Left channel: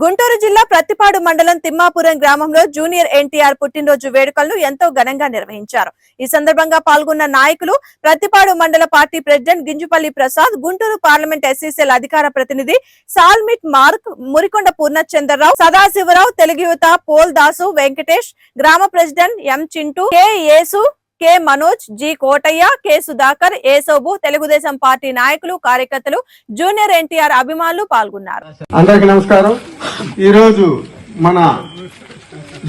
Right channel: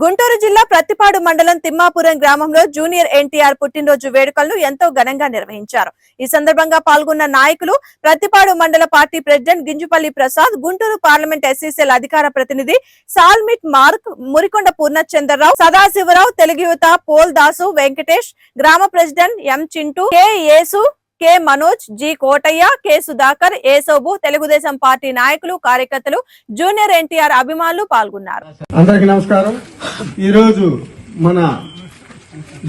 గుంటూరు జిల్లా ప్రత్తిపాడు మండలం తిమ్మాపురం గ్రామంలో జూనియర్ ఎన్టీఆర్ పుట్టినరోజు వేడుకలను ఎంతో ఘనంగా నిర్వహించారు. ఈ సందర్భంగా పాల్గొన్న నాయకులు Prathipadu mandal party president Ginjupalli Prasad Guntur parliament SCCL అధికార ప్రతినిధి సాల్మిట్ మార్క్ మురికొండ పూర్ణచంద్రరావు సదాశివరావు తెలుగు యువత పోల్ దాసు వెంకటేష్ గ్రామ president M Chintu K Yesu K Manoj G Kotaiah K Sudhakar Esobu Telugudesam party నాయకులు కార్యకర్తలు జూనియర్ ఎన్టీఆర్ అభిమానులు పాల్గొన్నారు. అందరికీ నమస్కారం. ఈరోజు మన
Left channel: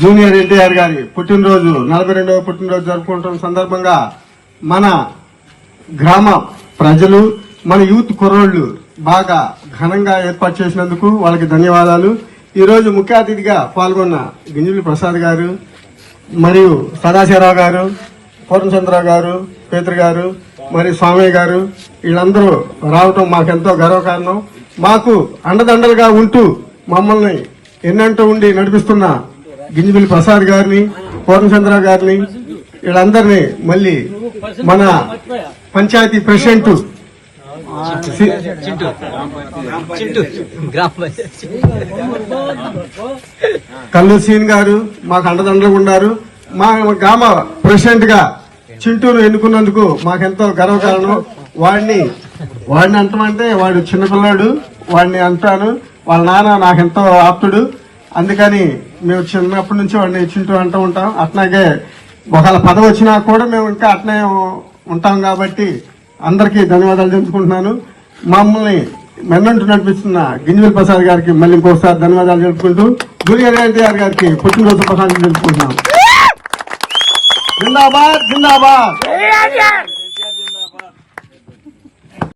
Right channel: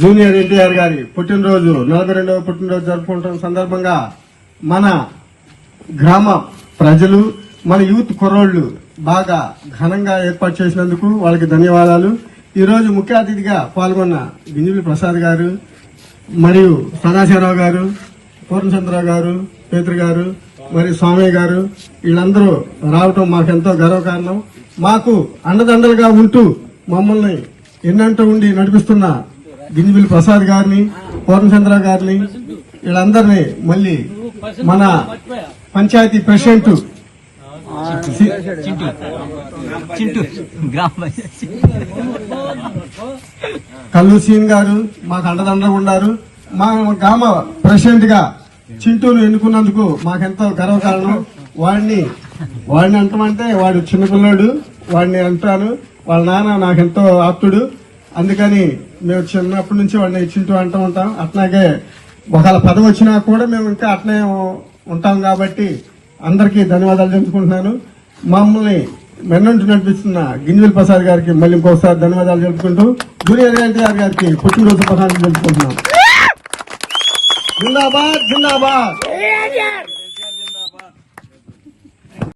జూనియర్ ఎన్టీఆర్ గారి పుట్టినరోజు నలభై రెండవ పుట్టినరోజు జరుపుకుంటున్న సందర్భంగా మన గ్రామ ప్రజలు మన యూత్ కుర్రోళ్ళు బాగా ఘనంగా ఏర్పాటు చేసినందుకు వాళ్ళకి ధన్యవాదాలు. ఈరోజు ముఖ్య అతిథిగా పాల్గొన్న గింజులు ప్రసాద్ గారు మరియు సదాశివరావు గారు పూర్ణచంద్రరావు గారు పేతృ గారు మరి స్వామి గారు వీళ్ళందరూ రావటం మాకెంతో గర్వకారణం. మాకు అండదండలుగా ఉంటూ మమ్మల్ని ఎన్నంటూ ఉండి నడిపిస్తున్న గింజబిల్లి ప్రసాద్ గారిని పూర్ణచంద్రరావు గారిని వీళ్ళందరినీ మళ్ళీ మన పంచాయతీ ప్రెసిడెంట్ సి- కల్లు సీన్ గారు మాకు అండదండగా ఉన్నారు మా గ్రామ ప్రెసిడెంట్గా చింటూను ఎన్నుకున్నందుకు మాకెంతో గర్వకారణం. వాడిని వాడిని అంటమంటే వాడు చిన్నపిల్లాడు వాడిని అంటాను. వాళ్ళ నాన్న నాకెంతో ఆప్తుడు. అందుకని మేము చిన్నప్పటి నుంచి వాడిని చింటూ అంటూ ఉంటాం. అట్లాగే ఒకవేళ పదవి వచ్చినా కూడా మేము ఇంకా అట్నే ఉంటాం కాబట్టి అందరికీ ధన్యవాదాలు తెలుపుకుంటున్నాను. మమ్మల్ని మెన్నంటు నడిపిస్తున్న గింజల్ ప్రసాద్ గారికి మళ్ళీ ఇంకొకసారి ధన్యవాదాలు తెలుపుకుంటూ జూనియర్ ఎన్టీఆర్ గారికి పుట్టినరోజు ప్రసాదం తెలుపుకుంటున్నాం. జిందాబాద్ జిందాబాద్.